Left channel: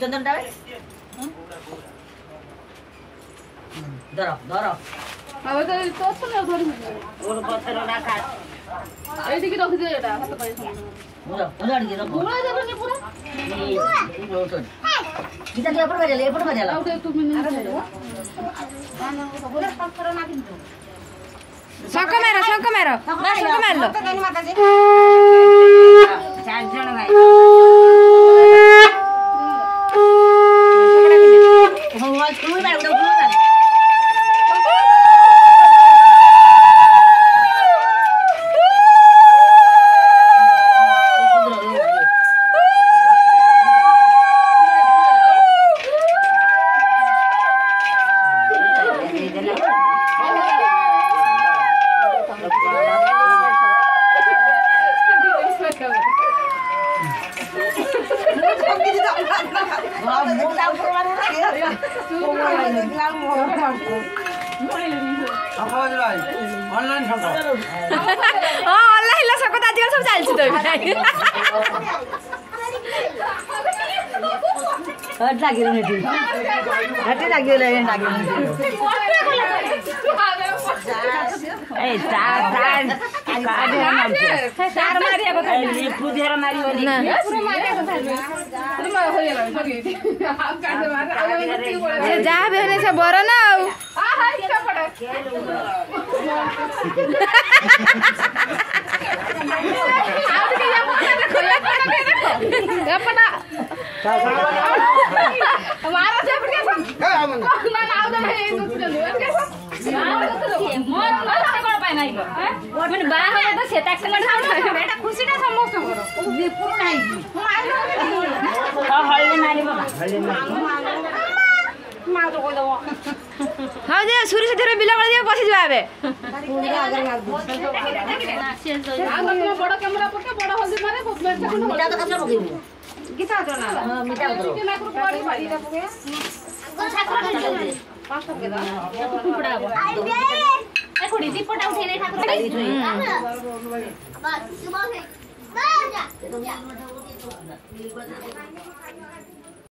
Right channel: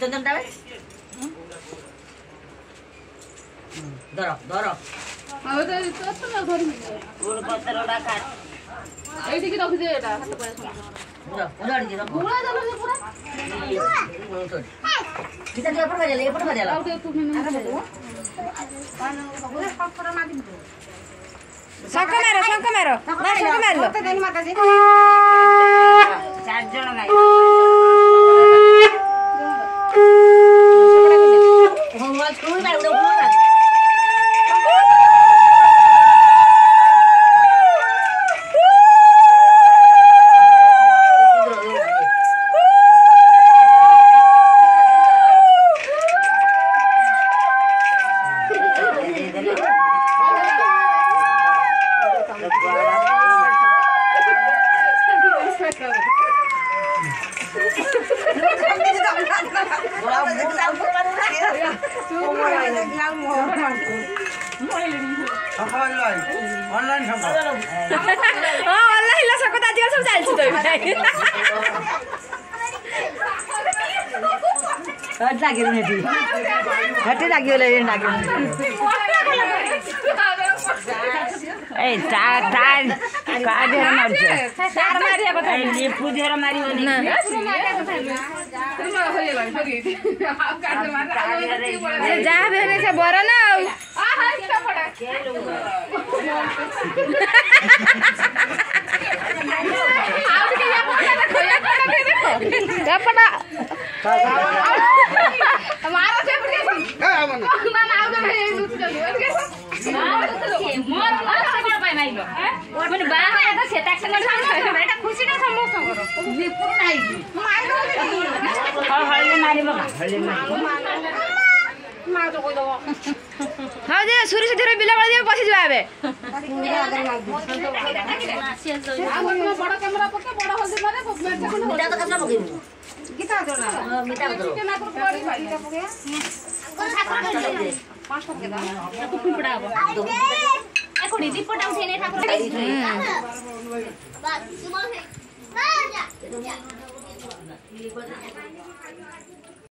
चंदन डाले धरो धरो अब तो तो ना घर में और पत्थर उड़ा काट एठी की रख दे एटा हाथ पाए समान उड़ा दे पूरा जब ने पूरा कितना दे ऊपर बजा ओके तू मिनट पत्थर मार दे शंख मारो शंख मार लो चार जण भाई तू भाई उड़ा ऑनलाइन शंख हां ऑनलाइन ला शंख आजकल सब चलछि तो हट लागिल नेटी हट लागिल ए लागिल ए टार काडे मार चार मारिया बता ये पूजेरा मारी होली ना पूरा मारिया तो पूरा हो गेला सरी आप काटे मार से जा बेने से बरो ना आ हां क्या पड़ा आप के या पड़ा हमारा से पड़ गया ना ना आउ नहीं लुट चली और कैसा मोर कर पाए नहीं लो माने बाहर है तो सेटा संग बेटा खुशी ना समस्त विपुर नहीं मारो हल्ले मारी मार तो कोई दो हां जे सूर्य से धीरे बिला कर दिए पसी जाबे आगर में बड़ा कैमरा पके बड़ा हल्दी मारे मेरचा कोन मीठा तो कसम पकेबू गीता करना मीठा उतरो के लाख रुपया वाली भाई का पके पांच टके दा कुपड़ा ए कोडी दीपटा उठे नहीं ठाकुर सुबह से